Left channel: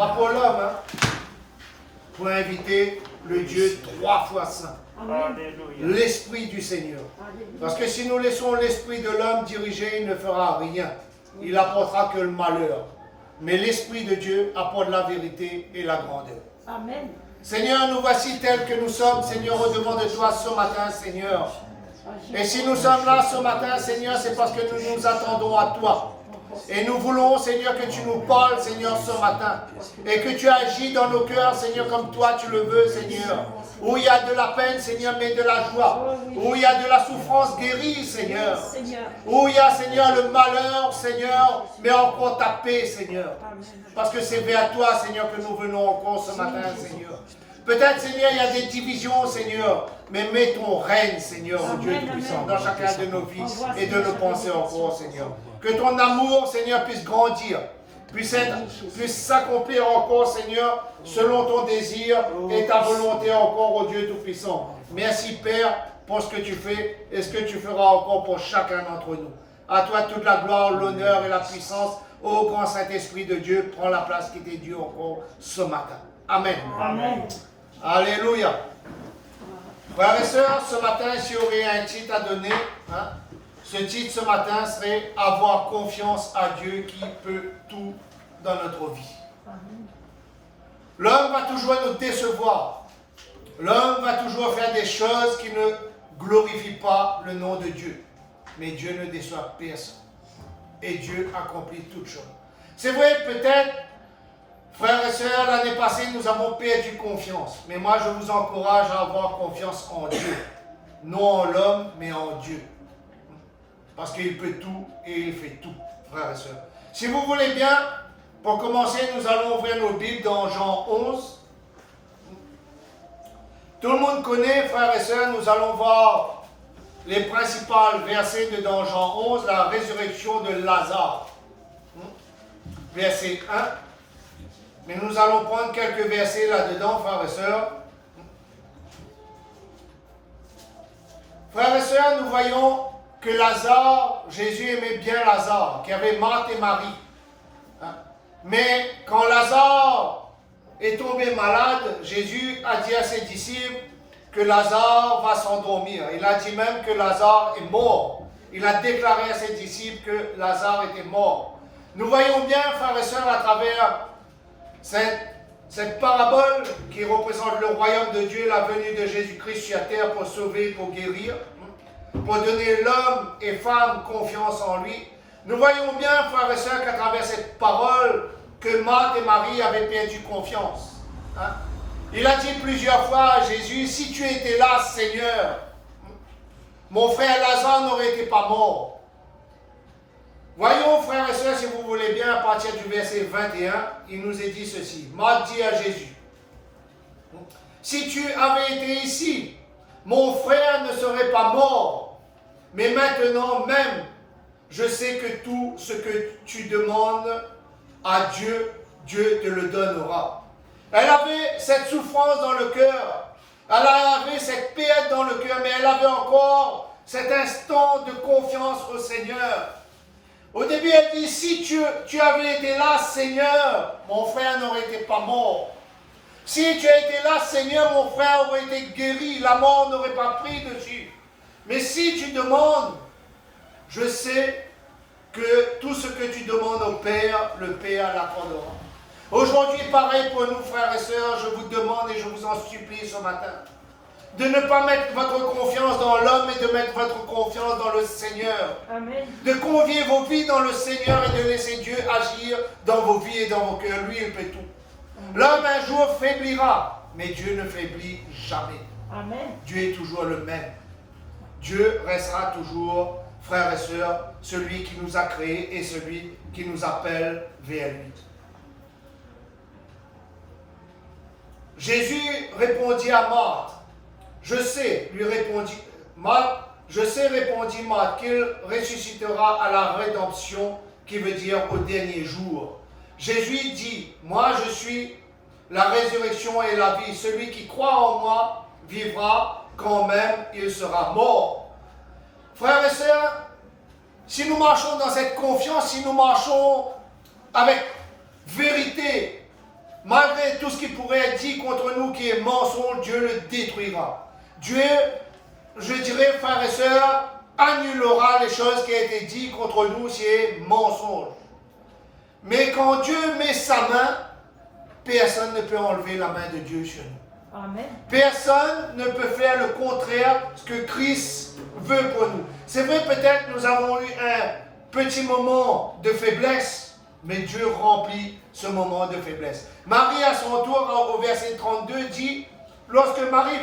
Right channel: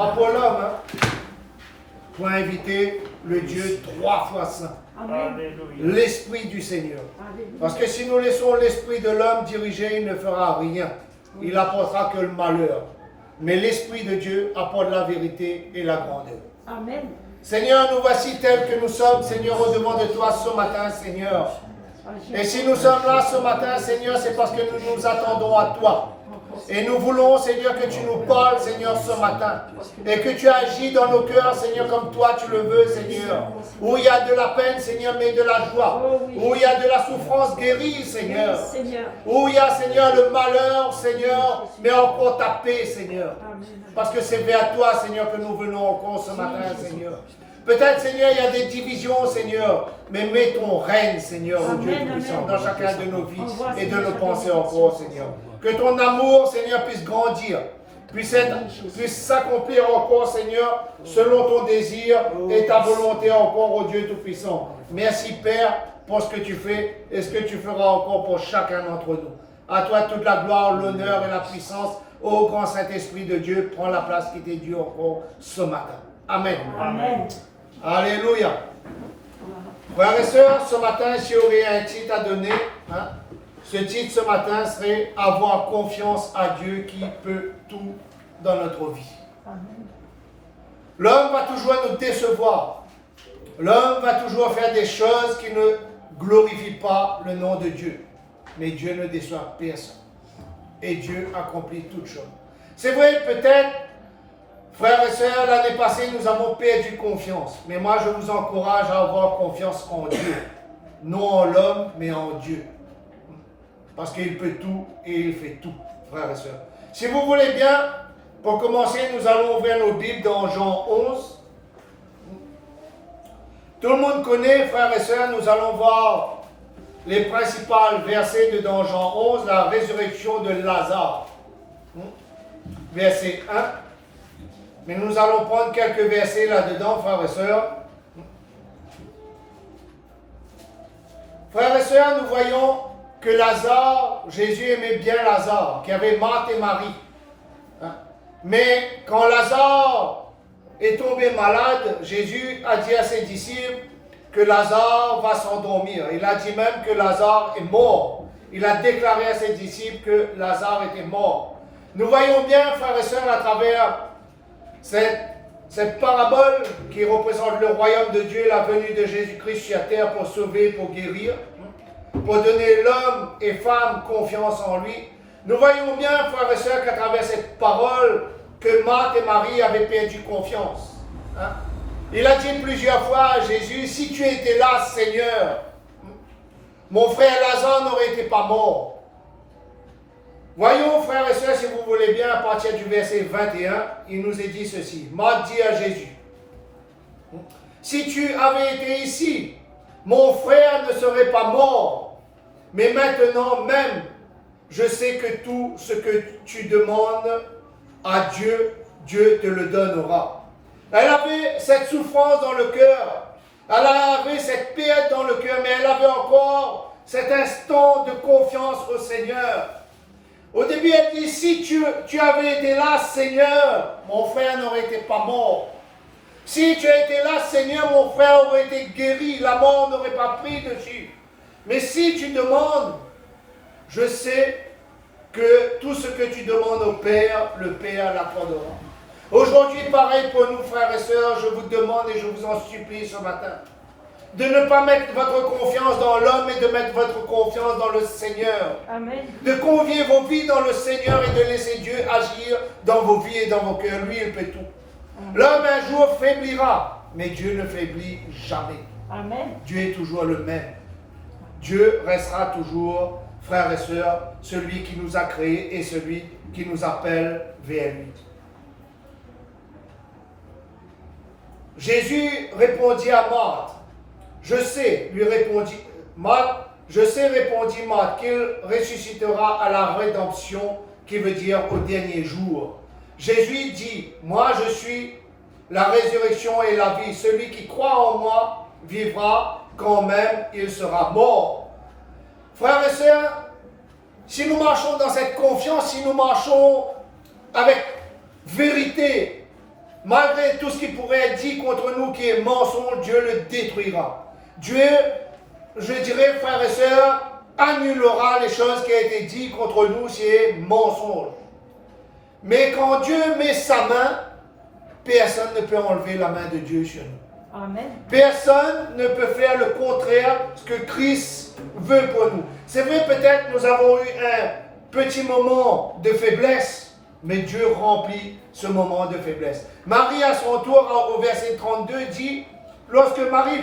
pas pour l'homme, hein, pour inviter le Dieu 3 fois saint, l'Esprit du Seigneur. Parce que si nous laissons l'Esprit de l'homme diriger, il ne fera rien. Il apportera que le malheur. Mais l'Esprit de Dieu apporte la vérité et la grandeur. Amen. Seigneur, nous voici tels que nous sommes, Seigneur, au-devant de toi ce matin, Seigneur. Et si nous sommes là ce matin, Seigneur, c'est parce que nous nous attendons à toi. Et nous voulons, Seigneur, que tu nous parles, Seigneur, ce matin. Et que tu agis dans nos cœurs, Seigneur, comme toi tu le veux, Seigneur. Où il y a de la peine, Seigneur, mais de la joie. Où il y a de la souffrance guérie, Seigneur. Où il y a, Seigneur, le malheur, Seigneur, mais encore ta paix, Seigneur. Parce que c'est vers toi, Seigneur, que nous venons encore ce matin, Seigneur. Peut-être, Seigneur, il y a des divisions, Seigneur, mais mets ton règne, Seigneur, au Dieu Tout-Puissant, dans chacun de nos vies et de nos pensées encore, Seigneur. Que ton amour, Seigneur, puisse grandir, puisse s'accomplir encore, Seigneur, selon ton désir et ta volonté encore, au Dieu Tout-Puissant. Merci, Père, pour ce que tu fais et ce que tu feras encore pour chacun d'entre nous. À toi toute la gloire, l'honneur et la puissance. Ô grand Saint-Esprit de Dieu, prends la place qui t'est due encore ce matin. Amen. Amen. Alléluia. Frères et sœurs, ce matin, s'il y aurait un titre à donner, hein, ce titre ce matin serait « Avoir confiance à Dieu qui peut tout dans notre vie ». L'homme va toujours nous décevoir. L'homme va toujours faire des choses qui ne glorifient pas le nom de Dieu. Mais Dieu ne déçoit personne. Et Dieu accomplit toutes choses. C'est vrai, peut-être, frères et sœurs, l'année passée, nous avons perdu confiance. Mais moi, je vous encourage à avoir confiance en Dieu. Non en l'homme, mais en Dieu. Parce qu'il peut tout et il fait tout, frères et sœurs. Si vous voulez bien, pour commencer, nous allons ouvrir nos Bibles dans Jean 11. Tout le monde connaît, frères et sœurs, nous allons voir les principaux versets de dans Jean 11, la résurrection de Lazare. Verset 1. Mais nous allons prendre quelques versets là-dedans, frères et sœurs. Frères et sœurs, nous voyons que Lazare, Jésus aimait bien Lazare, qui avait Marthe et Marie. Mais quand Lazare est tombé malade, Jésus a dit à ses disciples que Lazare va s'endormir. Il a dit même que Lazare est mort. Il a déclaré à ses disciples que Lazare était mort. Nous voyons bien, frères et sœurs, à travers cette parabole qui représente le royaume de Dieu, la venue de Jésus-Christ sur la terre pour sauver, pour guérir, pour donner l'homme et femme confiance en lui. Nous voyons bien, frères et sœurs, qu'à travers cette parole, que Marthe et Marie avaient perdu confiance. Il a dit plusieurs fois à Jésus, si tu étais là, Seigneur, mon frère Lazare n'aurait été pas mort. Voyons, frères et sœurs, si vous voulez bien, à partir du verset 21, il nous est dit ceci. Marthe dit à Jésus, si tu avais été ici, mon frère ne serait pas mort. Mais maintenant même, je sais que tout ce que tu demandes à Dieu, Dieu te le donnera. Elle avait cette souffrance dans le cœur. Elle avait cette perte dans le cœur, mais elle avait encore cet instant de confiance au Seigneur. Au début, elle dit, si tu avais été là, Seigneur, mon frère n'aurait été pas mort. Si tu as été là, Seigneur, mon frère aurait été guéri, la mort n'aurait pas pris dessus. Mais si tu demandes, je sais que tout ce que tu demandes au Père, le Père l'accordera. Aujourd'hui, pareil pour nous, frères et sœurs, je vous demande et je vous en supplie ce matin, de ne pas mettre votre confiance dans l'homme, mais de mettre votre confiance dans le Seigneur. Amen. De convier vos vies dans le Seigneur et de laisser Dieu agir dans vos vies et dans vos cœurs. Lui, il peut tout. L'homme un jour faiblira, mais Dieu ne faiblit jamais. Amen. Dieu est toujours le même. Dieu restera toujours, frères et sœurs, celui qui nous a créés et celui qui nous appelle vers lui. Jésus répondit à Marthe, je sais, lui répondit Marthe, je sais, répondit Marthe, qu'il ressuscitera à la rédemption, qui veut dire au dernier jour. Jésus dit, moi je suis la résurrection et la vie. Celui qui croit en moi vivra quand même il sera mort. Frères et sœurs, si nous marchons dans cette confiance, si nous marchons avec vérité, malgré tout ce qui pourrait être dit contre nous qui est mensonge, Dieu le détruira. Dieu, je dirais, frères et sœurs, annulera les choses qui ont été dites contre nous si c'est mensonge. Mais quand Dieu met sa main, personne ne peut enlever la main de Dieu sur nous. Amen. Personne ne peut faire le contraire de ce que Christ veut pour nous. C'est vrai, peut-être nous avons eu un petit moment de faiblesse, mais Dieu remplit ce moment de faiblesse. Marie, à son tour, au verset 32, dit, lorsque Marie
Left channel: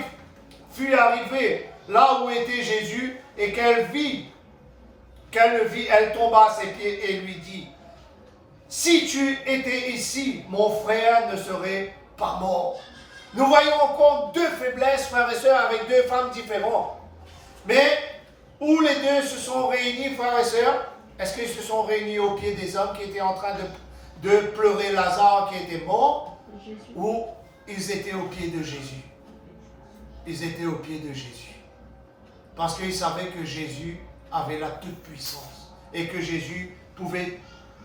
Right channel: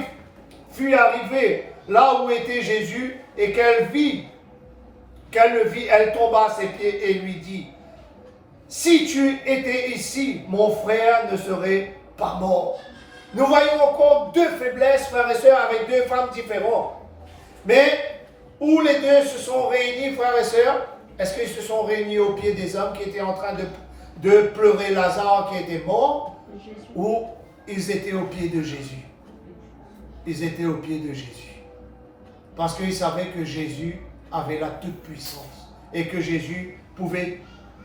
fut arrivée là où était Jésus et qu'elle le vit, elle tomba à ses pieds et lui dit, si tu étais ici, mon frère ne serait pas mort. Nous voyons encore deux faiblesses, frères et sœurs, avec deux femmes différentes. Mais où les deux se sont réunis, frères et sœurs? Est-ce qu'ils se sont réunis aux pieds des hommes qui étaient en train de pleurer Lazare qui était mort? Ou ils étaient aux pieds de Jésus? Ils étaient aux pieds de Jésus. Parce qu'ils savaient que Jésus avait la toute-puissance et que Jésus pouvait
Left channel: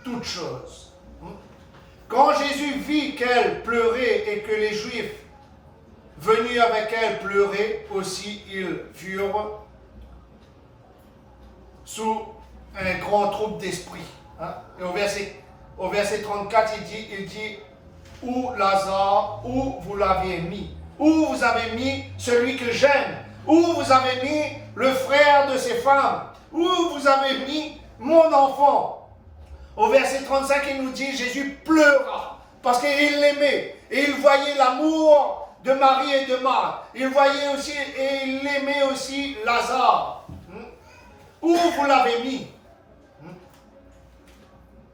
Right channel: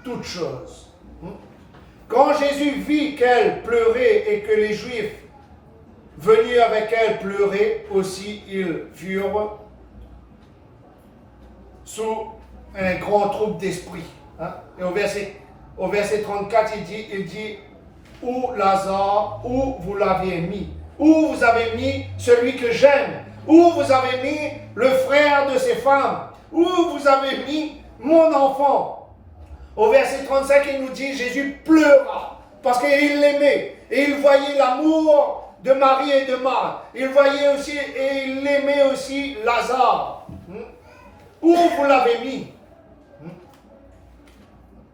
toutes choses. Quand Jésus vit qu'elle pleurait et que les Juifs venus avec elle pleuraient aussi, ils furent sous un grand trouble d'esprit. Et au verset 34, il dit, où Lazare, où vous l'avez mis? Où vous avez mis celui que j'aime? Où vous avez mis le frère de ces femmes? Où vous avez mis mon enfant? Au verset 35, il nous dit, Jésus pleura parce qu'il l'aimait et il voyait l'amour de Marie et de Marthe. Il voyait aussi et il aimait aussi Lazare. Où vous l'avez mis?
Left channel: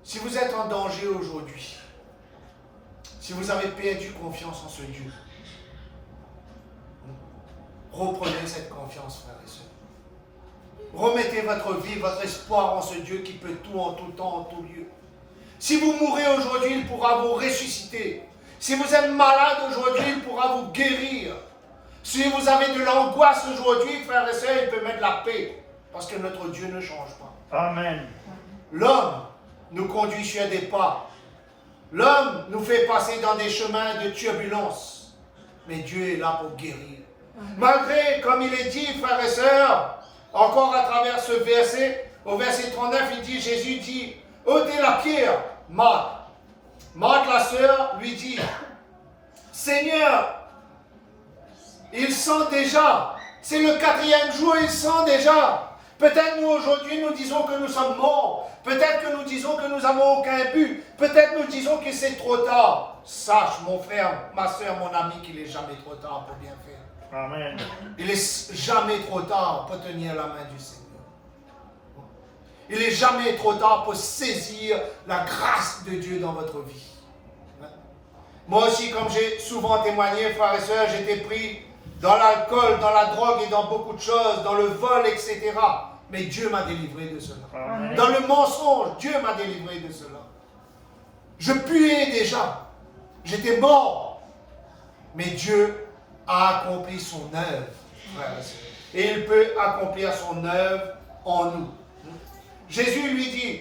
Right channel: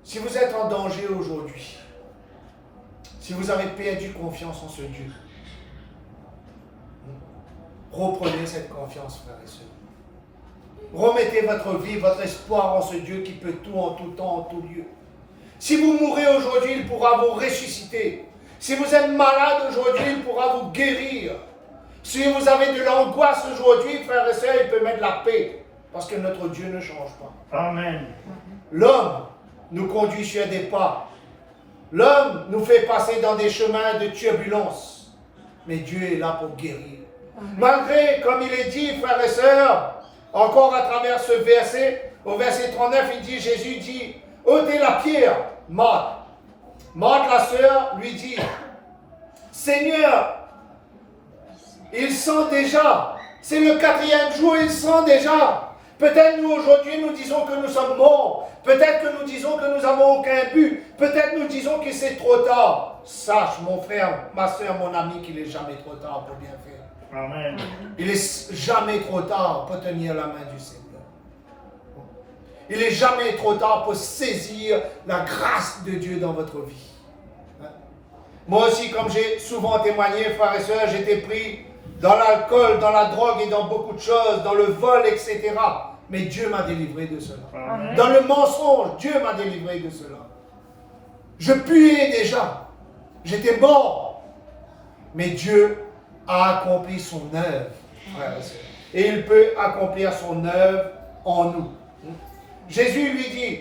Si vous êtes en danger aujourd'hui, si vous avez perdu confiance en ce Dieu, reprenez cette confiance, frères et sœurs. Remettez votre vie, votre espoir en ce Dieu qui peut tout en tout temps, en tout lieu. Si vous mourrez aujourd'hui, il pourra vous ressusciter. Si vous êtes malade aujourd'hui, il pourra vous guérir. Si vous avez de l'angoisse aujourd'hui, frères et sœurs, il peut mettre la paix. Parce que notre Dieu ne change pas. Amen. L'homme nous conduit sur des pas. L'homme nous fait passer dans des chemins de turbulence. Mais Dieu est là pour guérir. Malgré, comme il est dit, frères et sœurs, encore à travers ce verset, au verset 39, Jésus dit, ôtez la pierre, Marthe. Marthe, la sœur, lui dit, Seigneur, il sent déjà, c'est le 4e jour, il sent déjà. Peut-être nous aujourd'hui, nous disons que nous sommes morts. Peut-être que nous disons que nous n'avons aucun but. Peut-être nous disons que c'est trop tard. Sache, mon frère, ma soeur, mon ami, qu'il n'est jamais trop tard pour bien faire. Amen. Il n'est jamais trop tard pour tenir la main du Seigneur. Il n'est jamais trop tard pour saisir la grâce de Dieu dans votre vie. Moi aussi, comme j'ai souvent témoigné, frères et sœurs, j'étais pris dans l'alcool, dans la drogue et dans beaucoup de choses, dans le vol, etc. Mais Dieu m'a délivré de cela. Amen. Dans le mensonge, Dieu m'a délivré de cela. Je puais déjà. J'étais mort. Mais Dieu a accompli son œuvre, frères et sœurs. Et il peut accomplir son œuvre en nous. Jésus lui dit,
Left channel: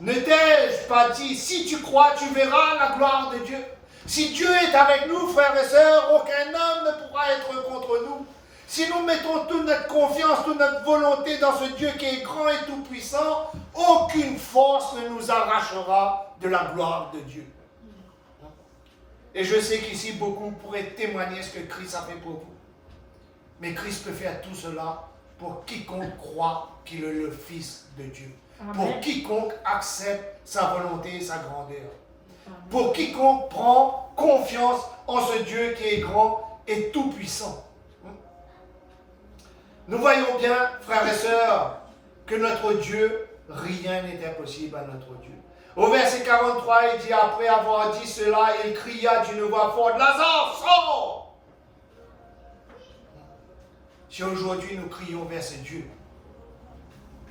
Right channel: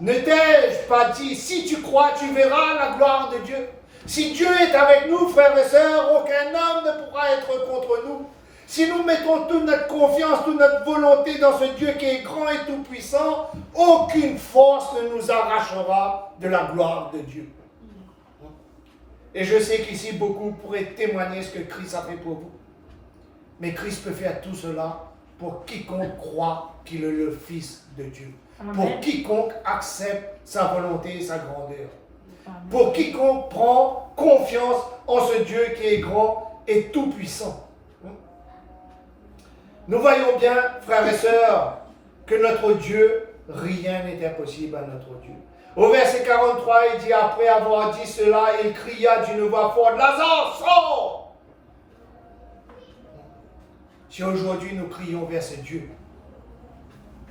ne t'ai-je pas dit, si tu crois, tu verras la gloire de Dieu. Si Dieu est avec nous, frères et sœurs, aucun homme ne pourra être contre nous. Si nous mettons toute notre confiance, toute notre volonté dans ce Dieu qui est grand et tout-puissant, aucune force ne nous arrachera de la gloire de Dieu. Et je sais qu'ici, beaucoup pourraient témoigner ce que Christ a fait pour vous. Mais Christ peut faire tout cela pour quiconque croit qu'il est le Fils de Dieu. Amen. Pour quiconque accepte sa volonté et sa grandeur. Amen. Pour quiconque prend confiance en ce Dieu qui est grand et tout-puissant. Nous voyons bien, frères et sœurs, que notre Dieu, rien n'est impossible à notre Dieu. Au verset 43, il dit, après avoir dit cela, il cria d'une voix forte, Lazare, sors! Si aujourd'hui nous crions vers ce Dieu,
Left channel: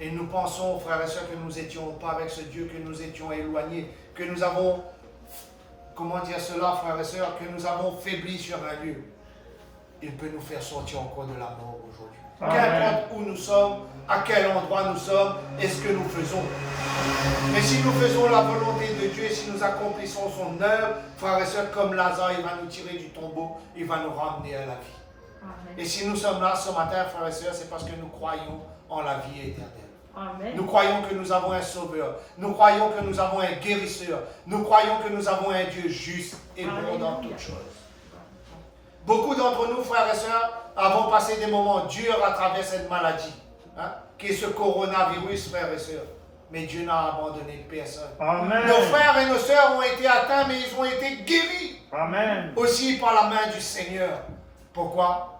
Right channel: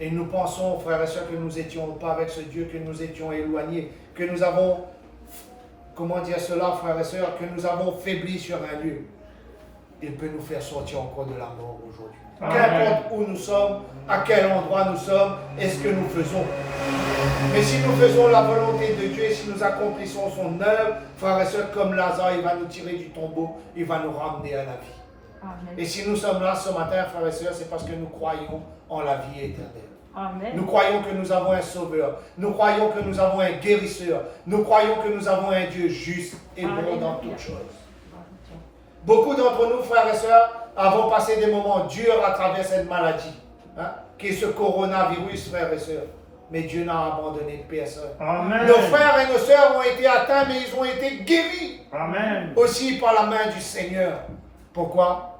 et nous pensons, frères et sœurs, que nous n'étions pas avec ce Dieu, que nous étions éloignés, que nous avons, comment dire cela, frères et sœurs, que nous avons faibli sur un lieu, il peut nous faire sortir encore de la mort aujourd'hui. Qu'importe où nous sommes, à quel endroit nous sommes et ce que nous faisons. Mais si nous faisons la volonté de Dieu et si nous accomplissons son œuvre, frères et sœurs, comme Lazare, il va nous tirer du tombeau, il va nous ramener à la vie. Amen. Et si nous sommes là ce matin, frères et sœurs, c'est parce que nous croyons en la vie éternelle. Amen. Nous croyons que nous avons un sauveur. Nous croyons que nous avons un guérisseur. Nous croyons que nous avons un Dieu juste et bon dans toutes choses. Beaucoup d'entre nous, frères et sœurs, avons passé des moments durs à travers cette maladie, qui est ce coronavirus, frères et sœurs. Mais Dieu n'a abandonné personne. Amen. Nos frères et nos sœurs ont été atteints, mais ils ont été guéris. Amen. Aussi par la main du Seigneur. Pourquoi?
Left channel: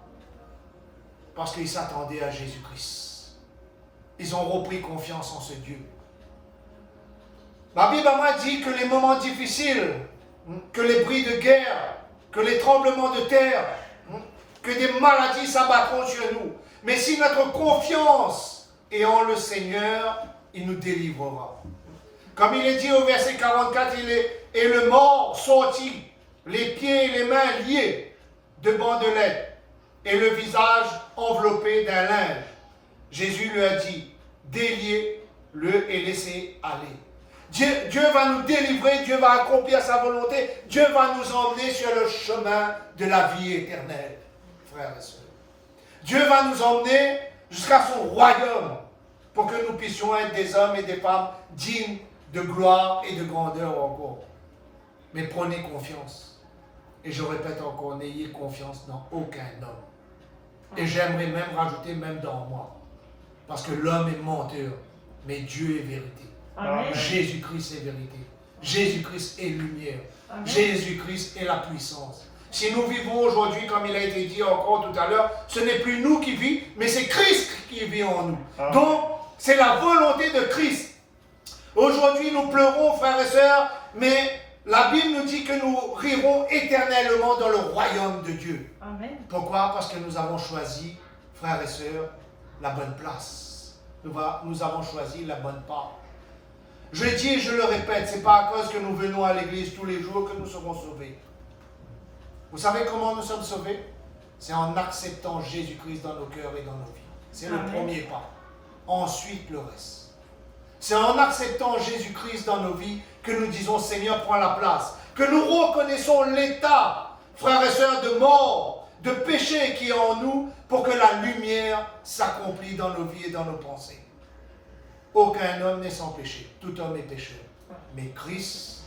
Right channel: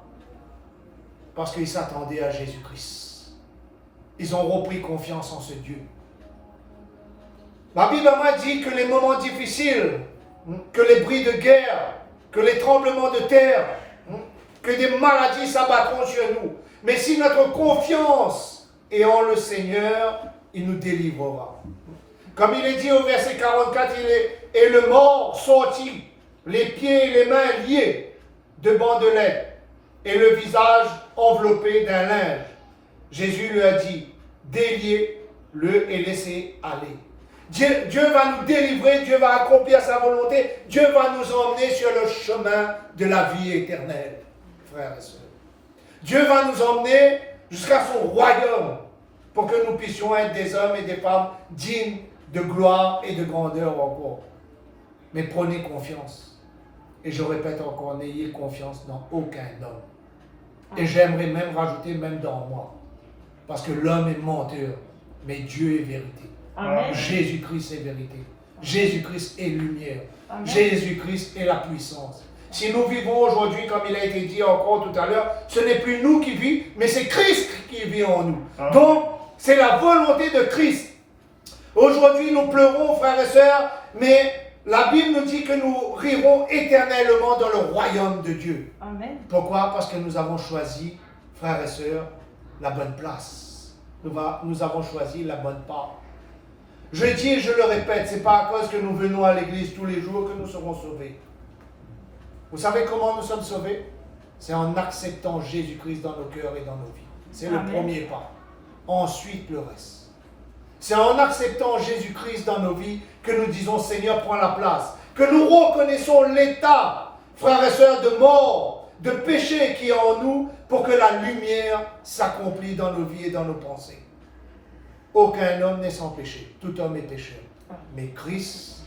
Parce qu'ils s'attendaient à Jésus-Christ. Ils ont repris confiance en ce Dieu. La Bible m'a dit que les moments difficiles, que les bruits de guerre, que les tremblements de terre, que des maladies s'abattront sur nous. Mais si notre confiance est en le Seigneur, il nous délivrera. Comme il est dit au verset 44, et le mort sortit, les pieds et les mains liés de bandelettes, et le visage enveloppé d'un linge. Jésus lui a dit, déliez-le et laissez aller. Dieu va nous délivrer, Dieu va accomplir sa volonté, Dieu va nous emmener sur le chemin de la vie éternelle, frères et sœurs. Dieu va nous emmener jusqu'à son royaume pour que nous puissions être des hommes et des femmes dignes de gloire et de grandeur encore. Mais prenez confiance. Et je répète encore, n'ayez confiance dans aucun homme. Et j'aimerais même rajouter, même dans moi. Parce que l'homme est menteur, mais Dieu est vérité. Amen. Jésus-Christ est vérité. Jésus-Christ est lumière. Amen. Jésus-Christ est la puissance. Si nous vivons aujourd'hui, comme il a été dit encore tout à l'heure, ce n'est plus nous qui vivons, mais c'est Christ qui vit en nous. Amen. Donc, c'est la volonté de Christ. Aujourd'hui, nous pleurons, frères et sœurs, mais la Bible nous dit que nous rirons éternellement dans le royaume de Dieu. Amen. Pourquoi? Parce que nous avons choisi, frères et sœurs, la bonne place. Nous avons choisi la bonne part. Je dis et je le répète, ce n'est pas à cause que nous venons à l'église tous les jours que nous serons sauvés. Vous savez comment nous sommes sauvés? C'est en acceptant Jésus-Christ dans nos cœurs et dans nos vies. C'est le premier pas. Ensuite, le reste. C'est en acceptant Jésus-Christ dans nos vies que nous disons, Seigneur, prends la place. Que nous reconnaissons l'état, frères et sœurs, de mort, de péché qui est en nous, pour que la lumière s'accomplisse dans nos vies et dans nos pensées. Aucun homme n'est sans péché. Tout homme est pécheur. Mais Christ,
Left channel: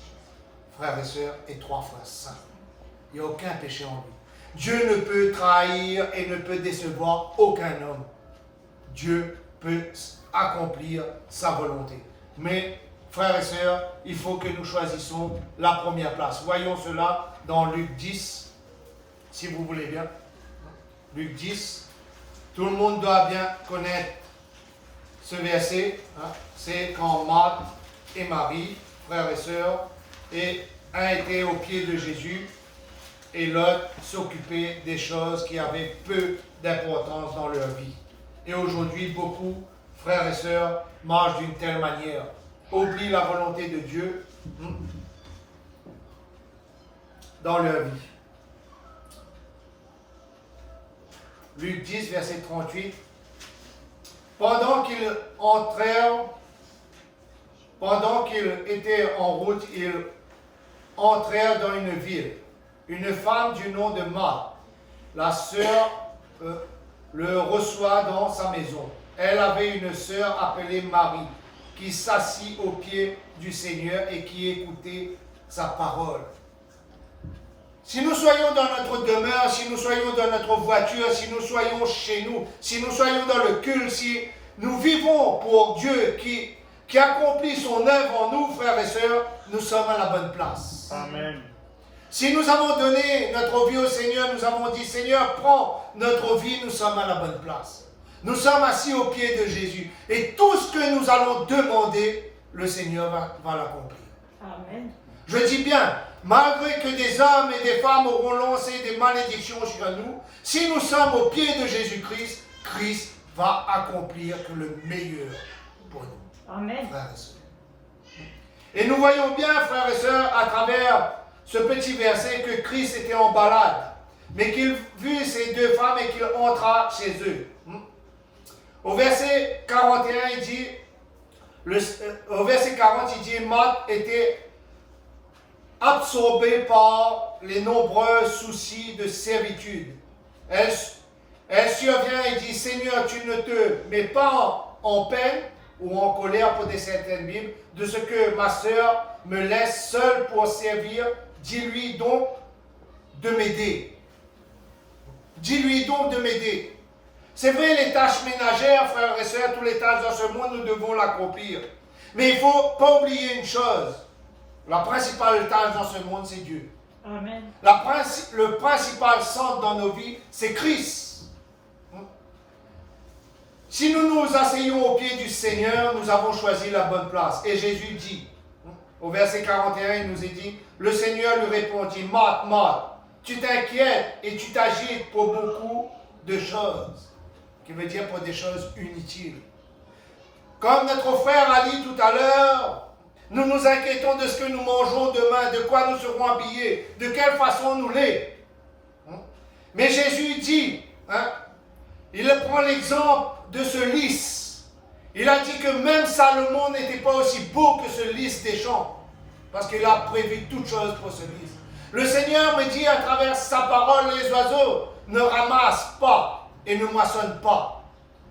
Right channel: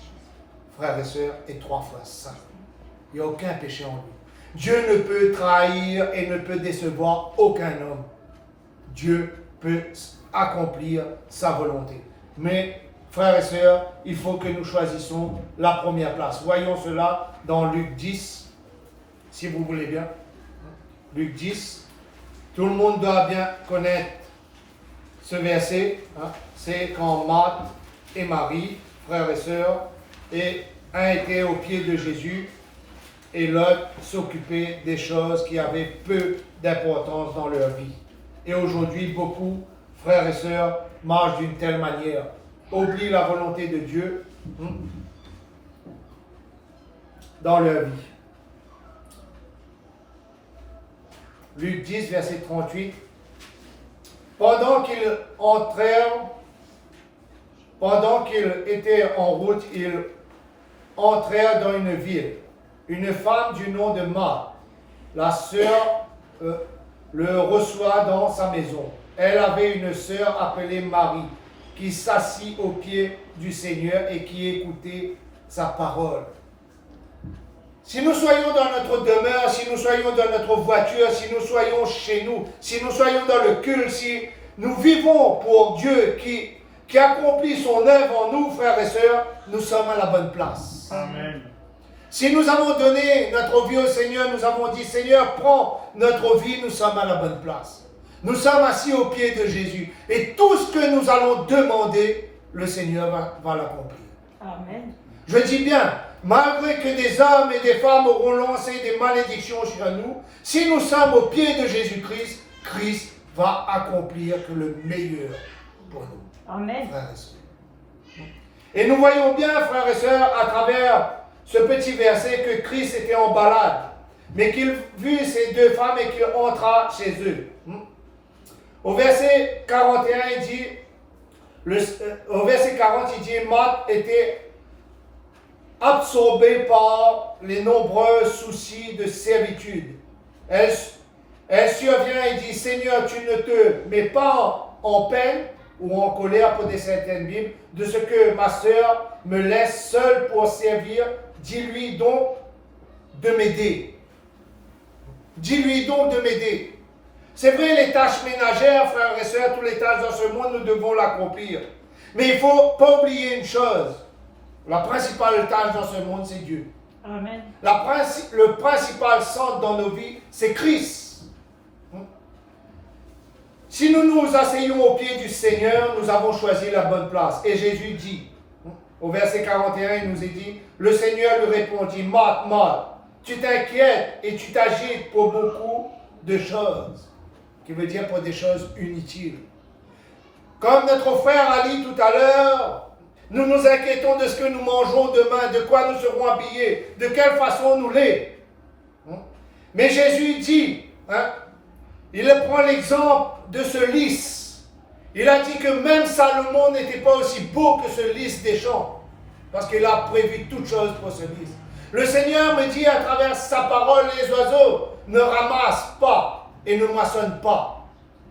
frères et sœurs, est 3 fois saint. Il n'y a aucun péché en lui. Dieu ne peut trahir et ne peut décevoir aucun homme. Dieu peut accomplir sa volonté. Mais, frères et sœurs, il faut que nous choisissions la première place. Voyons cela dans Luc 10, si vous voulez bien. Luc 10, tout le monde doit bien connaître ce verset. C'est quand Marthe et Marie, frères et sœurs, et un était au pied de Jésus, et l'autre s'occupait des choses qui avaient peu d'importance dans leur vie. Et aujourd'hui, beaucoup, frères et sœurs, marchent d'une telle manière, oublient la volonté de Dieu dans leur vie. Luc 10, verset 38. Pendant qu'ils étaient en route, ils entrèrent dans une ville. Une femme du nom de Marthe, la sœur, le reçoit dans sa maison. Elle avait une sœur appelée Marie, qui s'assit aux pieds du Seigneur et qui écoutait sa parole. Si nous soyons dans notre demeure, si nous soyons dans notre voiture, si nous soyons chez nous, si nous soyons dans le culte, si nous vivons pour Dieu qui accomplit son œuvre en nous, frères et sœurs, nous sommes à la bonne place. Amen. Si nous avons donné notre vie au Seigneur, nous avons dit, Seigneur, prends notre vie, nous sommes à la bonne place. Nous sommes assis aux pieds de Jésus. Et tout ce que nous allons demander, le Seigneur va l'accomplir. Amen. Je dis bien, malgré que des hommes et des femmes auront lancé des malédictions sur nous, si nous sommes aux pieds de Jésus-Christ, Christ va accomplir que le meilleur pour nous. Amen. Frères et sœurs. Et nous voyons bien, frères et sœurs, à travers ce petit verset, que Christ était en balade, mais qu'il vit ces deux femmes et qu'il entra chez eux. Au verset 41, il dit, au verset 40, il dit, Marthe était absorbée par les nombreux soucis de servitude. Elle survient et dit, Seigneur, tu ne te mets pas en peine ou en colère pour des certaines Bibles, de ce que ma sœur me laisse seule pour servir. Dis-lui donc de m'aider. Dis-lui donc de m'aider. C'est vrai, les tâches ménagères, frères et sœurs, toutes les tâches dans ce monde, nous devons l'accomplir. Mais il ne faut pas oublier une chose. La principale tâche dans ce monde, c'est Dieu. Amen. Le principal centre dans nos vies, c'est Christ. Si nous nous asseyons au pied du Seigneur, nous avons choisi la bonne place. Et Jésus dit, au verset 41, il nous est dit, le Seigneur lui répondit, Marthe, Marthe, tu t'inquiètes et tu t'agites pour beaucoup de choses, qui veut dire pour des choses inutiles. Comme notre frère a dit tout à l'heure, nous nous inquiétons de ce que nous mangerons demain, de quoi nous serons habillés, de quelle façon nous l'est. Mais Jésus dit, il prend l'exemple de ce lys. Il a dit que même Salomon n'était pas aussi beau que ce lys des champs, parce qu'il a prévu toutes choses pour ce lys. Le Seigneur me dit à travers sa parole, les oiseaux ne ramassent pas et ne moissonnent pas,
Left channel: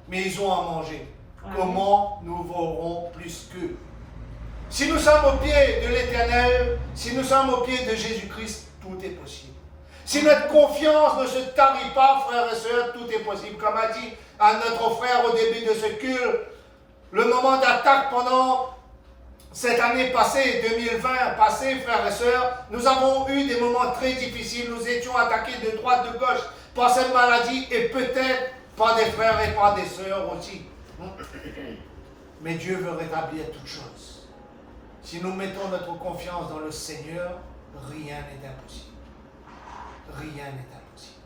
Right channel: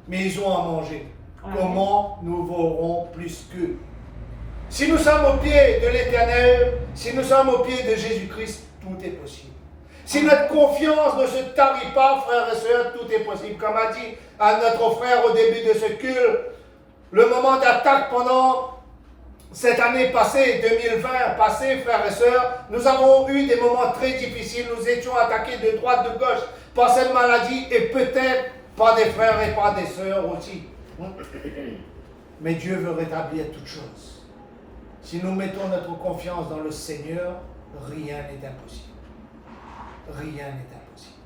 mais ils ont à manger. Comment nous vaurons plus qu'eux? Si nous sommes au pied de l'Éternel, si nous sommes au pied de Jésus-Christ, tout est possible. Si notre confiance ne se tarit pas, frères et sœurs, tout est possible. Comme a dit à notre frère au début de ce culte, le moment d'attaque pendant cette année passée, 2020 passée, frères et sœurs, nous avons eu des moments très difficiles. Nous étions attaqués de droite, de gauche par cette maladie et peut-être par des frères et par des sœurs aussi. Mais Dieu veut rétablir toutes choses. Si nous mettons notre confiance dans le Seigneur, rien n'est impossible. Rien n'est impossible.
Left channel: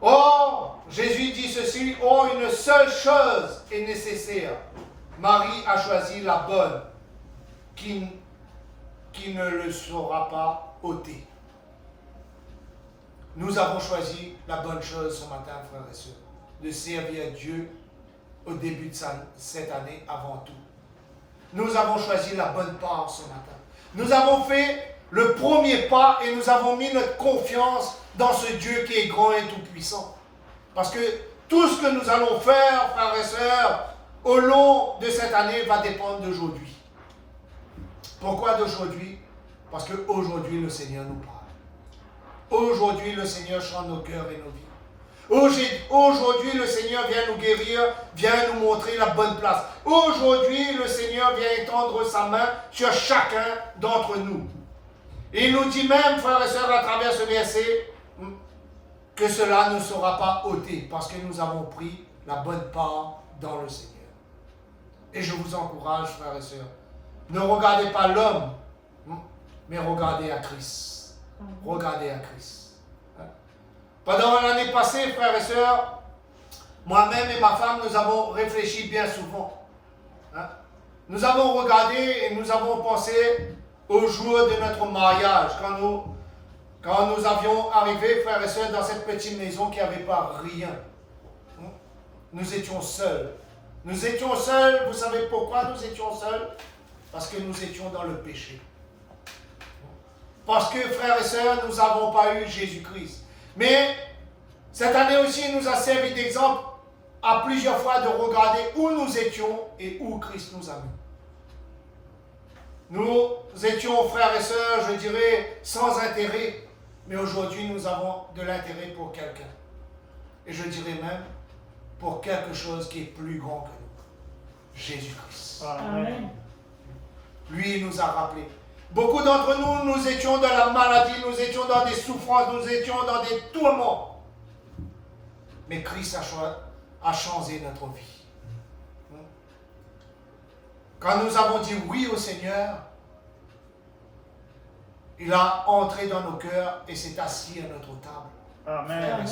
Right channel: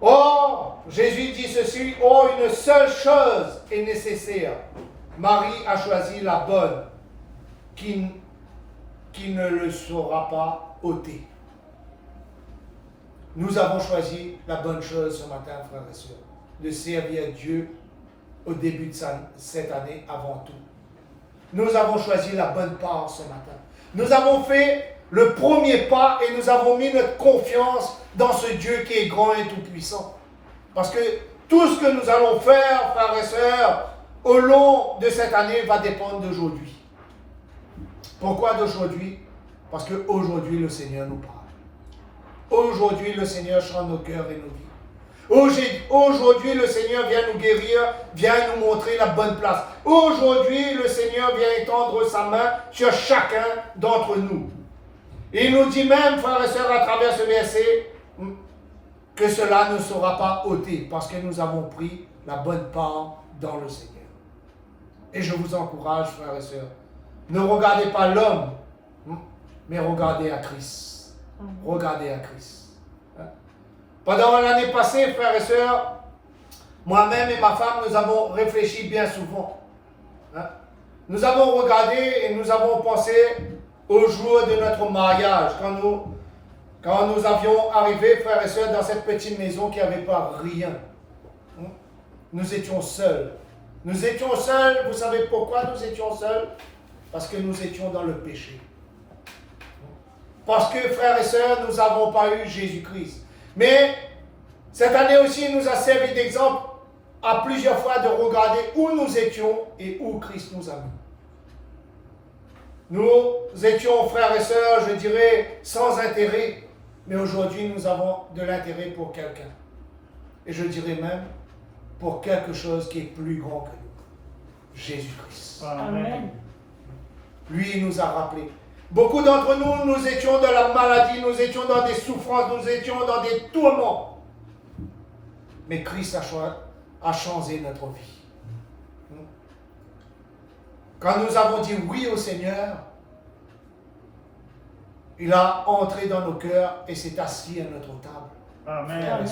Or, Jésus dit ceci, oh, une seule chose est nécessaire. Marie a choisi la bonne, qui ne le sera pas ôtée. Nous avons choisi la bonne chose ce matin, frères et sœurs, de servir Dieu au début de cette année avant tout. Nous avons choisi la bonne part ce matin. Nous avons fait le premier pas et nous avons mis notre confiance dans ce Dieu qui est grand et tout-puissant. Parce que tout ce que nous allons faire, frères et sœurs, au long de cette année va dépendre d'aujourd'hui. Pourquoi d'aujourd'hui? Parce qu'aujourd'hui, le Seigneur nous parle. Aujourd'hui, le Seigneur chante nos cœurs et nos vies. Aujourd'hui, le Seigneur vient nous guérir, vient nous montrer la bonne place. Aujourd'hui, le Seigneur vient étendre sa main sur chacun d'entre nous. Et il nous dit même, frères et sœurs, à travers ce verset, que cela ne sera pas ôté, parce que nous avons pris la bonne part dans le Seigneur. Et je vous encourage, frères et sœurs, ne regardez pas l'homme, mais regardez à Christ. Regardez à Christ. Pendant l'année passée, frères et sœurs, moi-même et ma femme, nous avons réfléchi bien souvent. Nous avons regardé et nous avons pensé au jour de notre mariage, quand nous avions arrivé, frères et sœurs, dans cette petite maison qui n'avait pas rien. Nous étions seuls. Nous étions seuls, vous savez pourquoi nous étions seuls? Parce que nous étions dans le péché. Parce que, frères et sœurs, nous n'avons pas eu Jésus-Christ. Mais cette année aussi, il nous a servi d'exemple à plusieurs fois de regarder où nous étions et où Christ nous a mis. Nous étions, frères et sœurs, je dirais, sans intérêt, mais aujourd'hui, nous avons de l'intérêt pour quelqu'un. Et je dirais même pour quelque chose qui est plus grand que nous. Jésus-Christ. Amen. Lui, il nous a rappelé. Beaucoup d'entre nous, nous étions dans la maladie, nous étions dans des souffrances, nous étions dans des tourments. Mais Christ a changé notre vie. Quand nous avons dit oui au Seigneur, il a entré dans nos cœurs et s'est assis à notre table. Amen. Amen.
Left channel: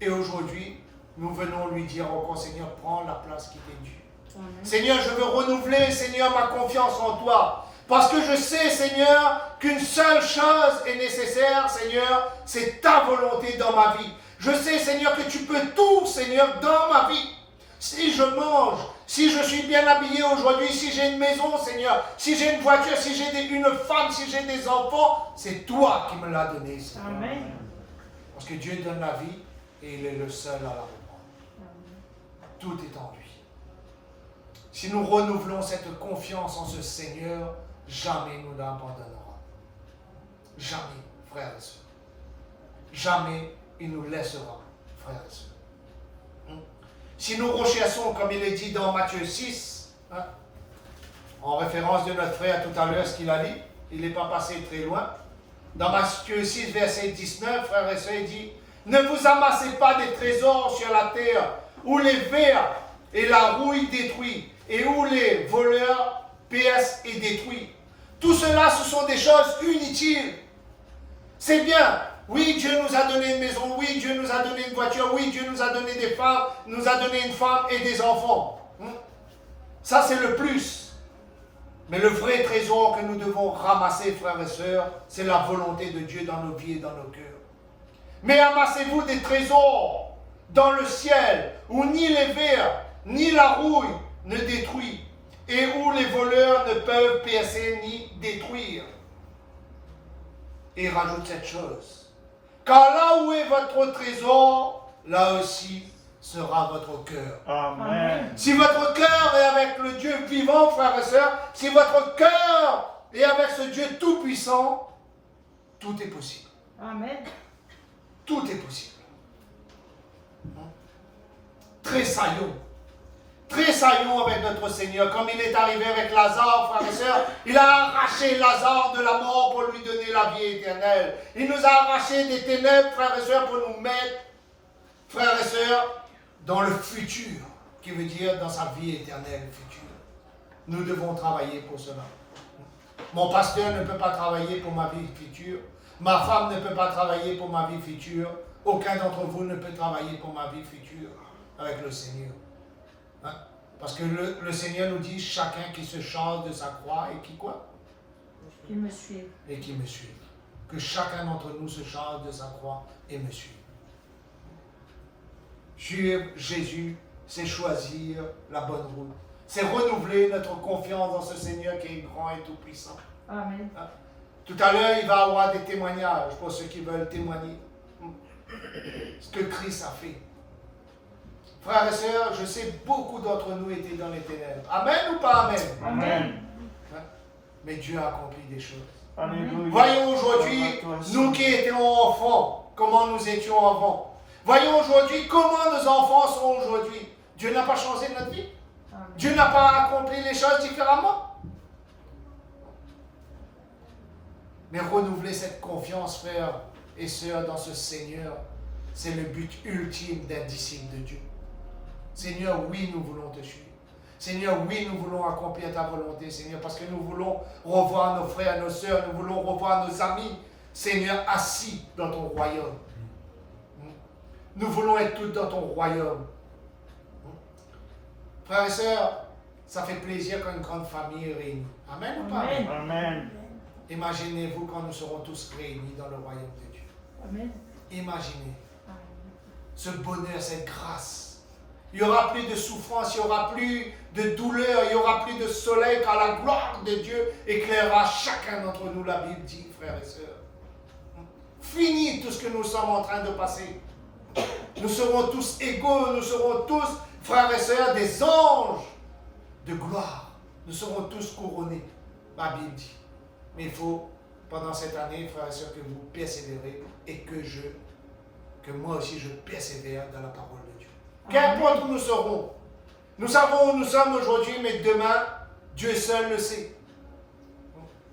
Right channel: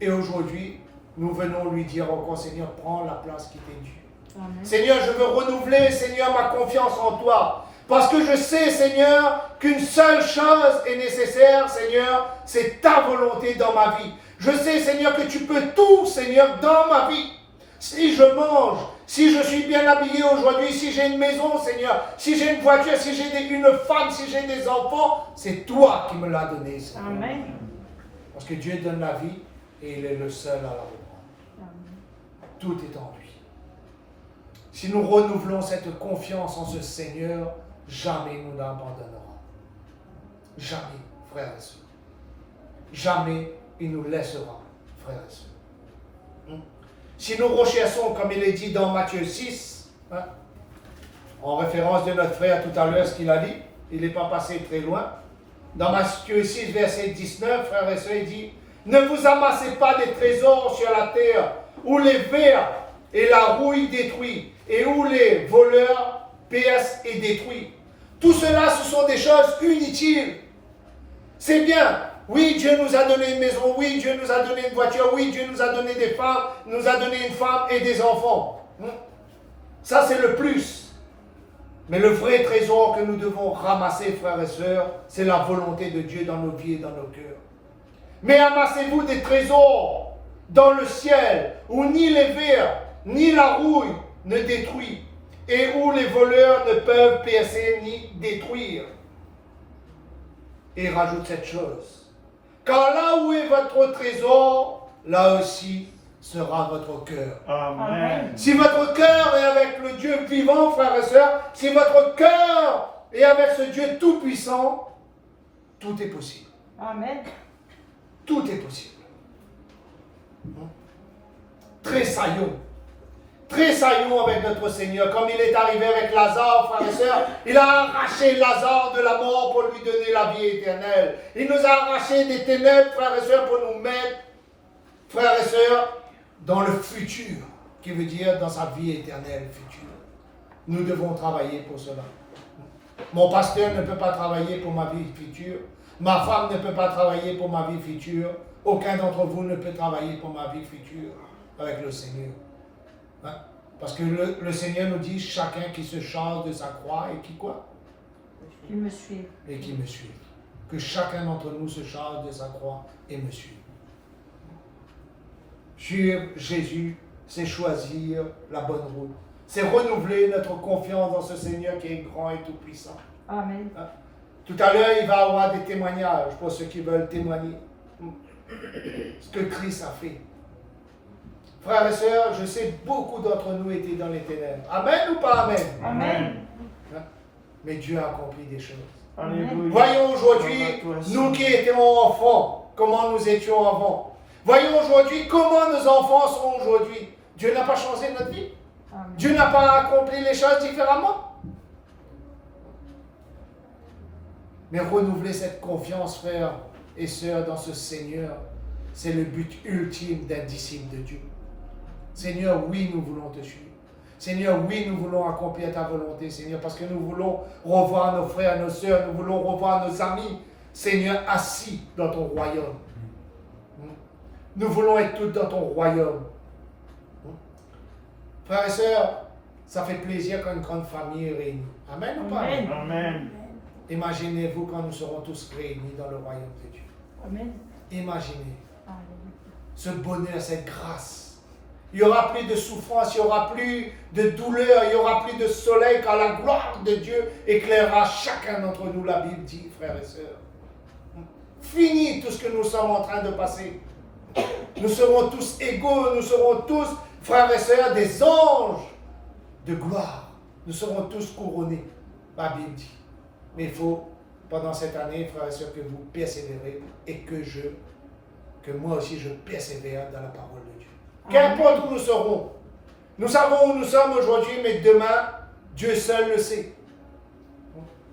Et aujourd'hui, nous venons lui dire encore, Seigneur, prends la place qui t'est due. Amen. Seigneur, je veux renouveler, Seigneur, ma confiance en toi. Parce que je sais, Seigneur, qu'une seule chose est nécessaire, Seigneur, c'est ta volonté dans ma vie. Je sais, Seigneur, que tu peux tout, Seigneur, dans ma vie. Si je mange, si je suis bien habillé aujourd'hui, si j'ai une maison, Seigneur, si j'ai une voiture, si j'ai une femme, si j'ai des enfants, c'est toi qui me l'as donné, Seigneur. Amen. Parce que Dieu donne la vie et il est le seul à la reprendre. Tout est en lui. Si nous renouvelons cette confiance en ce Seigneur, jamais nous n'abandonnera. Jamais, frères et sœurs. Jamais il nous laissera, frères et sœurs. Si nous recherchons, comme il est dit dans Matthieu 6, en référence de notre frère tout à l'heure, ce qu'il a dit, il n'est pas passé très loin. Dans Matthieu 6, verset 19, frères et sœurs, il dit, ne vous amassez pas des trésors sur la terre, où les vers et la rouille détruisent, et où les voleurs percent et détruisent. Tout cela, ce sont des choses inutiles. C'est bien. Oui, Dieu nous a donné une maison. Oui, Dieu nous a donné une voiture. Oui, Dieu nous a donné des femmes, nous a donné une femme et des enfants. Ça, c'est le plus. Mais le vrai trésor que nous devons ramasser, frères et sœurs, c'est la volonté de Dieu dans nos vies et dans nos cœurs. Mais amassez-vous des trésors dans le ciel, où ni les vers, ni la rouille ne détruisent, et où les voleurs ne peuvent percer ni détruire. Et il rajoute cette chose. Car là où est votre trésor, là aussi sera votre cœur. Amen. Si votre cœur est avec le Dieu vivant, frères et sœurs, si votre cœur est avec ce Dieu tout-puissant, tout est possible. Amen. Tout est possible. Tressaillons. Tressaillons avec notre Seigneur, comme il est arrivé avec Lazare, frères et sœurs. Il a arraché Lazare de la mort pour lui donner la vie éternelle. Il nous a arraché des ténèbres, frères et sœurs, pour nous mettre, frères et sœurs, dans le futur, qui veut dire dans sa vie éternelle future. Nous devons travailler pour cela. Mon pasteur ne peut pas travailler pour ma vie future. Ma femme ne peut pas travailler pour ma vie future. Aucun d'entre vous ne peut travailler pour ma vie future avec le Seigneur. Parce que le Seigneur nous dit, chacun qui se charge de sa croix et qui quoi? Qui me suit. Et qui me suit. Que chacun d'entre nous se charge de sa croix et me suit. Suivre Jésus, c'est choisir la bonne route. C'est renouveler notre confiance dans ce Seigneur qui est grand et tout-puissant. Amen. Tout à l'heure, il va y avoir des témoignages pour ceux qui veulent témoigner. Ce que Christ a fait. Frères et sœurs, je sais beaucoup d'entre nous étaient dans les ténèbres. Amen ou pas amen? Amen. Mais Dieu a accompli des choses. Alléluia. Voyons aujourd'hui, nous qui étions enfants, comment nous étions avant. Voyons aujourd'hui comment nos enfants sont aujourd'hui. Dieu n'a pas changé notre vie. Amen. Dieu n'a pas accompli les choses différemment. Mais renouveler cette confiance, frères et sœurs, dans ce Seigneur, c'est le but ultime d'un disciple de Dieu. Seigneur, oui, nous voulons te suivre. Seigneur, oui, nous voulons accomplir ta volonté, Seigneur, parce que nous voulons revoir nos frères, nos sœurs, nous voulons revoir nos amis, Seigneur, assis dans ton royaume. Nous voulons être tous dans ton royaume. Frères et sœurs, ça fait plaisir quand une grande famille est réunie. Amen ou pas? Amen. Amen. Imaginez-vous quand nous serons tous réunis dans le royaume de Dieu. Amen. Imaginez ce bonheur, cette grâce. Il n'y aura plus de souffrance, il n'y aura plus de douleur, il n'y aura plus de soleil, car la gloire de Dieu éclairera chacun d'entre nous, la Bible dit, frères et sœurs. Fini tout ce que nous sommes en train de passer. Nous serons tous égaux, nous serons tous, frères et sœurs, des anges de gloire. Nous serons tous couronnés, la Bible dit. Mais il faut, pendant cette année, frères et sœurs, que vous persévérez et que moi aussi je persévère dans la parole de Dieu. Qu'importe où nous serons, nous savons où nous sommes aujourd'hui, mais demain, Dieu seul le sait.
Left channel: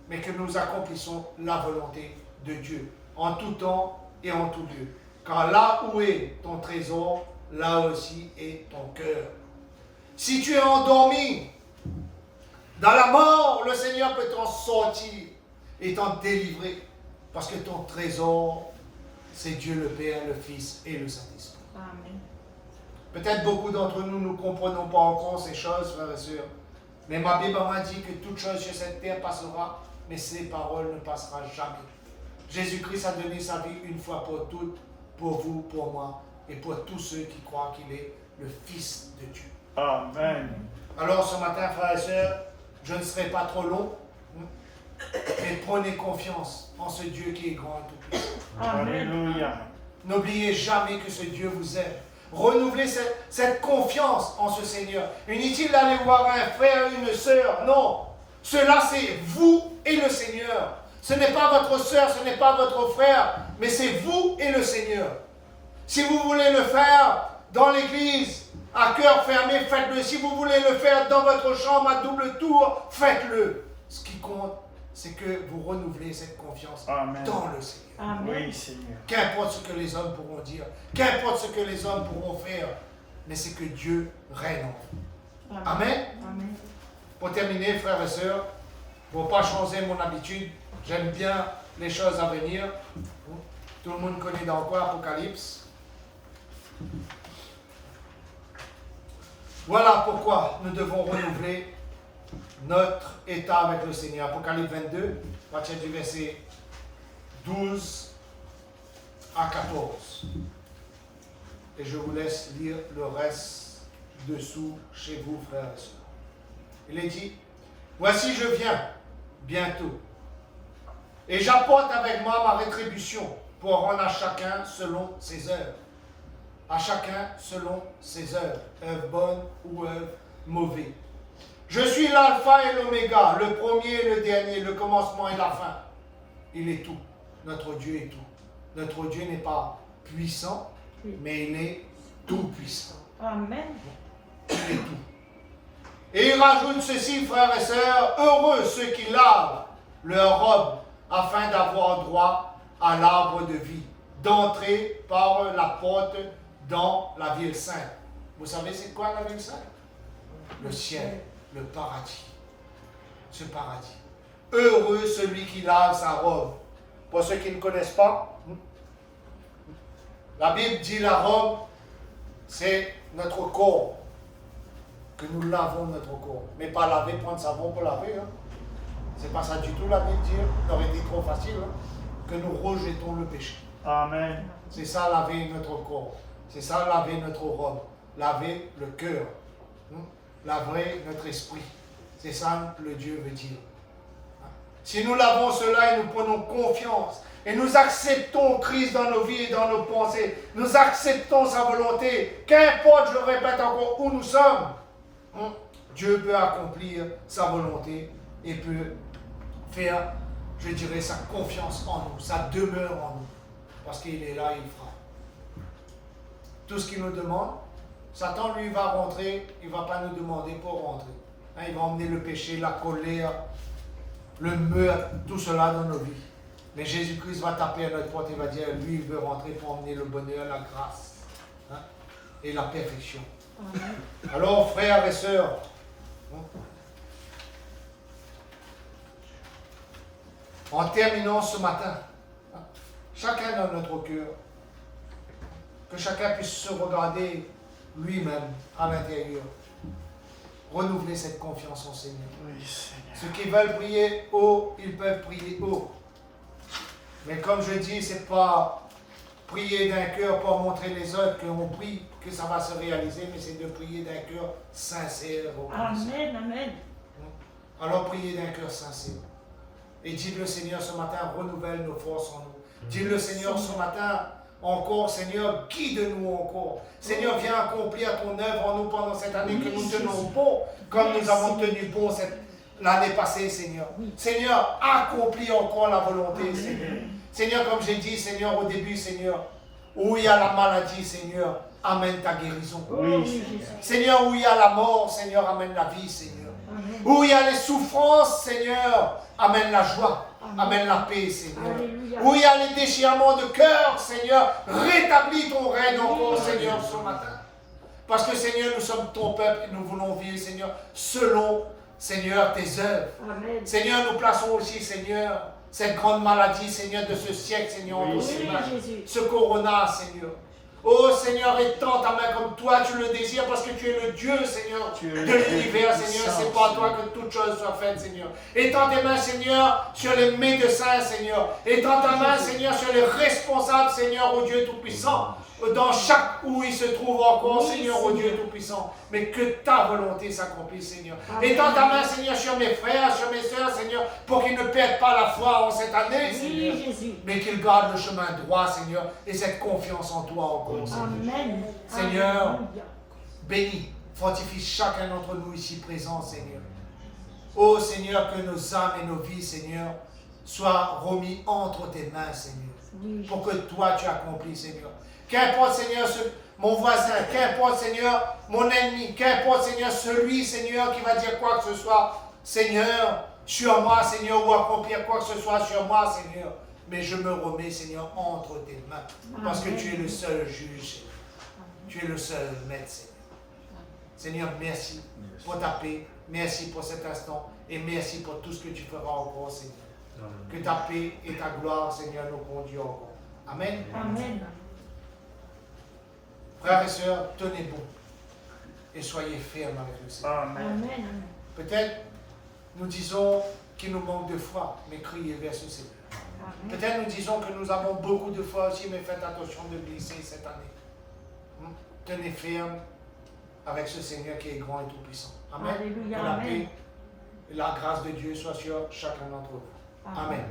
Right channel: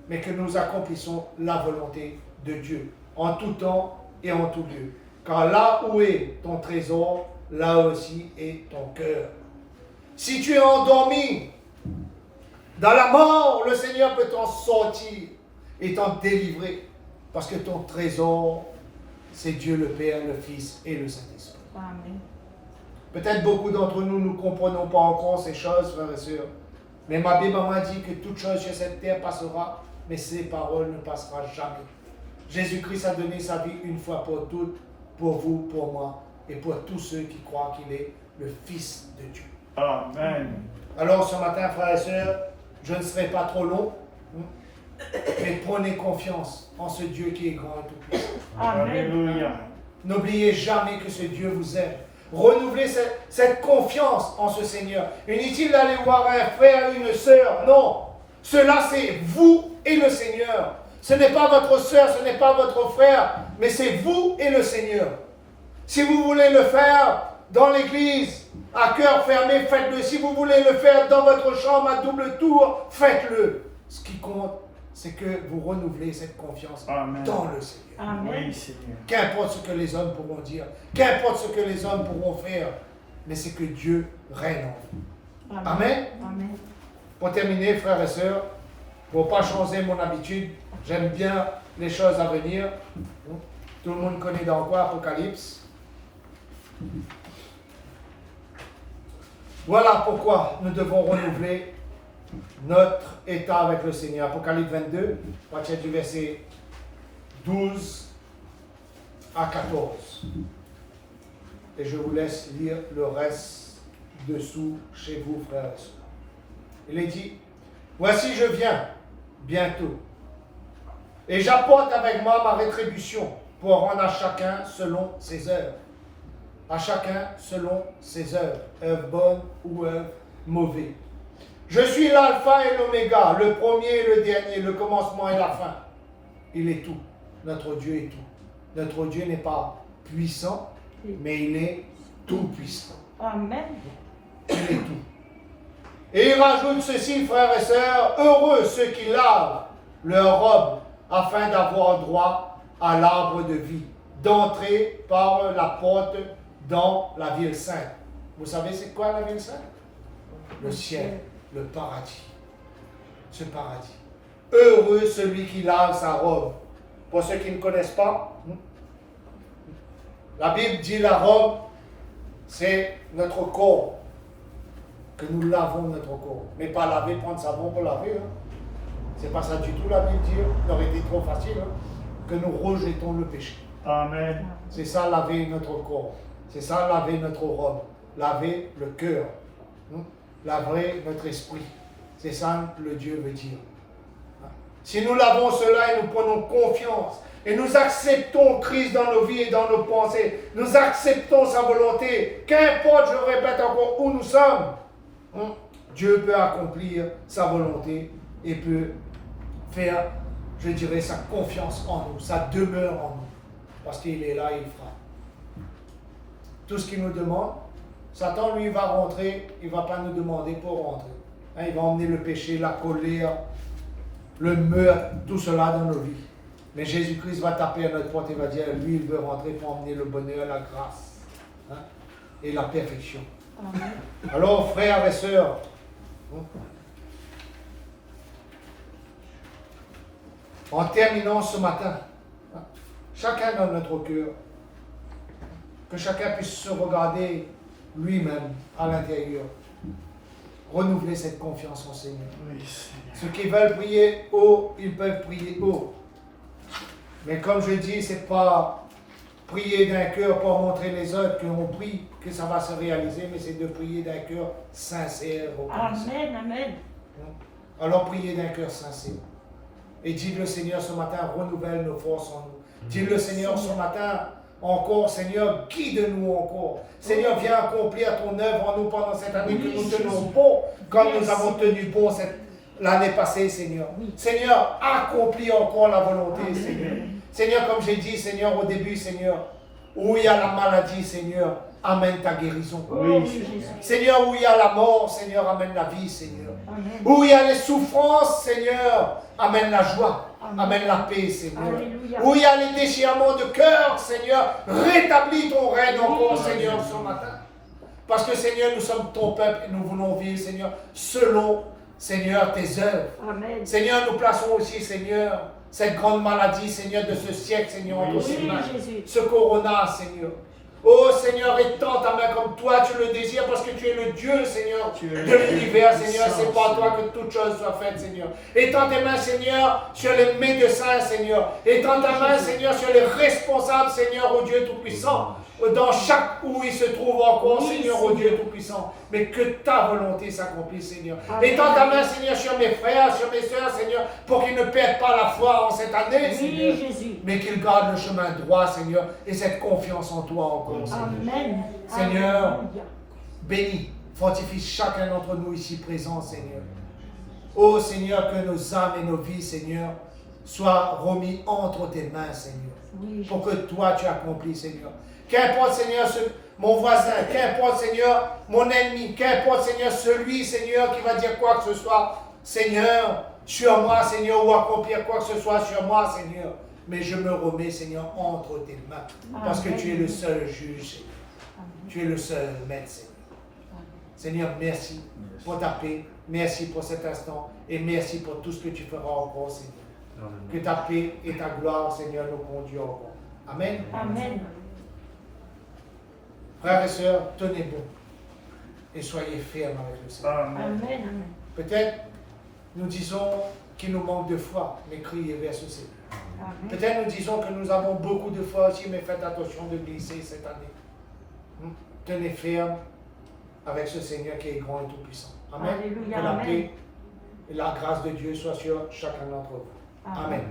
Mais que nous accomplissons la volonté de Dieu, en tout temps et en tout lieu. Car là où est ton trésor, là aussi est ton cœur. Si tu es endormi dans la mort, le Seigneur peut t'en sortir et t'en délivrer. Parce que ton trésor, c'est Dieu le Père, le Fils et le Saint-Esprit. Amen. Peut-être beaucoup d'entre nous ne comprenons pas encore ces choses, frères et sœurs. Mais ma Bible m'a dit que toute chose sur cette terre passera, mais ses paroles ne passeront jamais. Jésus-Christ a donné sa vie une fois pour toutes pour vous, pour moi et pour tous ceux qui croient qu'il est le Fils de Dieu. Amen. Alors ce matin, frères et sœurs, je ne serai pas trop long, mais prenez confiance en ce Dieu qui est grand et tout-puissant. Alléluia. N'oubliez jamais que ce Dieu vous aime. Renouvelez cette confiance en ce Seigneur. Inutile d'aller voir un frère, une sœur. Non. Cela, c'est vous et le Seigneur. Ce n'est pas votre sœur, ce n'est pas votre frère, mais c'est vous et le Seigneur. Si vous voulez le faire dans l'église, à cœur fermé, faites-le. Si vous voulez le faire dans votre chambre à double tour, faites-le. Ce qui compte, c'est que vous renouvelez cette confiance Amen. dans le Seigneur. Amen. Oui, Seigneur. Qu'importe ce que les hommes pourront dire, qu'importe ce que les hommes pourront faire, mais c'est que Dieu règne en vous. Amen. Amen. Pour terminer, frères et sœurs, pour ne pas changer mon habitude, j'aime bien les choses à venir. Tout le monde connaît dans quoi Apocalypse. Voilà pourquoi nous devons renouveler notre état avec le Seigneur. Apocalypse 22, à partir du verset 12 à 14. Et je vous laisse lire le reste dessous chez vous, frères et sœurs. Il est dit, voici je viens bientôt, et j'apporte avec moi ma rétribution pour rendre à chacun selon ses œuvres. À chacun selon ses œuvres, œuvres bonnes ou œuvres mauvaises. Je suis l'alpha et l'oméga, le premier et le dernier, le commencement et la fin. Il est tout. Notre Dieu est tout. Notre Dieu n'est pas puissant, mais il est tout puissant. Amen. Il est tout. Et il rajoute ceci, frères et sœurs, heureux ceux qui lavent leur robe afin d'avoir droit à l'arbre de vie, d'entrer par la porte dans la ville sainte. Vous savez c'est quoi la ville sainte? Le ciel, le paradis. Ce paradis. Heureux celui qui lave sa robe. Pour ceux qui ne connaissent pas, la Bible dit la robe, c'est notre corps. Que nous lavons notre corps. Mais pas laver, prendre savon pour laver. Hein. C'est pas ça du tout la Bible dit. Ça aurait été trop facile. Hein. Que nous rejetons le péché. Amen. C'est ça laver notre corps. C'est ça laver notre robe. Laver le cœur. Laver notre esprit. C'est ça que le Dieu veut dire. Si nous lavons cela et nous prenons confiance et nous acceptons Christ dans nos vies et dans nos pensées, nous acceptons sa volonté, qu'importe, je répète encore, où nous sommes, Dieu peut accomplir sa volonté et peut faire, je dirais, sa confiance en nous, sa demeure en nous. Parce qu'il est là, il fera. Tout ce qu'il nous demande, Satan, lui, va rentrer, il ne va pas nous demander pour rentrer. Hein, il va emmener le péché, la colère, le meurtre, tout cela dans nos vies. Mais Jésus-Christ va taper à notre porte et va dire, lui, il veut rentrer pour emmener le bonheur, la grâce et la perfection. Alors, frères et sœurs, en terminant ce matin, chacun dans notre cœur, que chacun puisse se regarder lui-même à l'intérieur, renouveler cette confiance en Seigneur. Oui, Seigneur. Ceux qui veulent prier haut, ils peuvent prier haut. Mais comme je dis, ce n'est pas prier d'un cœur pour montrer les autres qu'on prie, que ça va se réaliser, mais c'est de prier d'un cœur sincère. Amen, amen. Alors priez d'un cœur sincère. Et dites le Seigneur ce matin, renouvelle nos forces en nous. Dites le Seigneur ce matin, encore, Seigneur, guide-nous encore. Seigneur, viens accomplir ton œuvre en nous pendant cette année que nous tenons bon, comme nous avons tenu bon l'année passée, Seigneur. Seigneur, accomplis encore la volonté, Seigneur. Seigneur, comme j'ai dit, Seigneur, au début, Seigneur, où il y a la maladie, Seigneur, amène ta guérison. Oui, Seigneur, où il y a la mort, Seigneur, amène la vie, Seigneur. Où il y a les souffrances, Seigneur, amène la joie. Amène la paix, Seigneur. Alléluia. Où il y a les déchirements de cœur, Seigneur, rétablis ton règne encore, Seigneur, ce matin. Parce que, Seigneur, nous sommes ton peuple et nous voulons vivre, Seigneur, selon, Seigneur, tes œuvres. Amen. Seigneur, nous plaçons aussi, Seigneur, cette grande maladie, Seigneur, de ce siècle, Seigneur, entre Oui, tes mains. Jésus. Ce corona, Seigneur. Oh Seigneur, étends ta main comme toi tu le désires parce que tu es le Dieu, Seigneur, Tu es de l'univers, Seigneur. C'est pas toi que toutes choses soient faites, Seigneur. Étends tes mains, Seigneur, sur les médecins, Seigneur. Étends ta main, Seigneur, sur les responsables, Seigneur, au Dieu Tout-Puissant. Dans chaque où il se trouve encore, Seigneur, au Dieu Tout-Puissant. Mais que ta volonté s'accomplisse, Seigneur. Étends ta main, Seigneur, sur mes frères, sur mes soeurs, Seigneur, pour qu'ils ne perdent pas la foi en cette année, Seigneur. Mais qu'ils gardent le chemin droit, Seigneur, et cette confiance en toi encore, Seigneur. Amen. Seigneur, bénis, fortifie chacun d'entre nous ici présents, Seigneur. Oh Seigneur, que nos âmes et nos vies, Seigneur, soient remis entre tes mains, Seigneur, pour que toi tu accomplis, Seigneur. Qu'importe, Seigneur, mon voisin, qu'importe, Seigneur, mon ennemi, qu'importe, Seigneur, celui, Seigneur, qui va dire quoi que ce soit, Seigneur, sur moi, Seigneur, ou accomplir quoi que ce soit sur moi, Seigneur. Mais je me remets, Seigneur, entre tes mains, parce que tu es le seul juge, Seigneur. Tu es le seul maître, Seigneur. Seigneur, merci pour ta paix, merci pour cet instant, et merci pour tout ce que tu feras encore, Seigneur. Amen. Que ta paix et ta gloire, Seigneur, nous conduisent encore. Amen. Amen. Frères et sœurs, tenez bon et soyez fermes avec le Seigneur. Amen. Amen. Peut-être nous disons qu'il nous manque de foi, mais criez vers ce Seigneur. Peut-être nous disons que nous avons beaucoup de foi aussi, mais faites attention de glisser cette année. Tenez ferme avec ce Seigneur qui est grand et tout-puissant. Amen. Alléluia, Que la amen. paix et la grâce de Dieu soient sur chacun d'entre vous. Amen.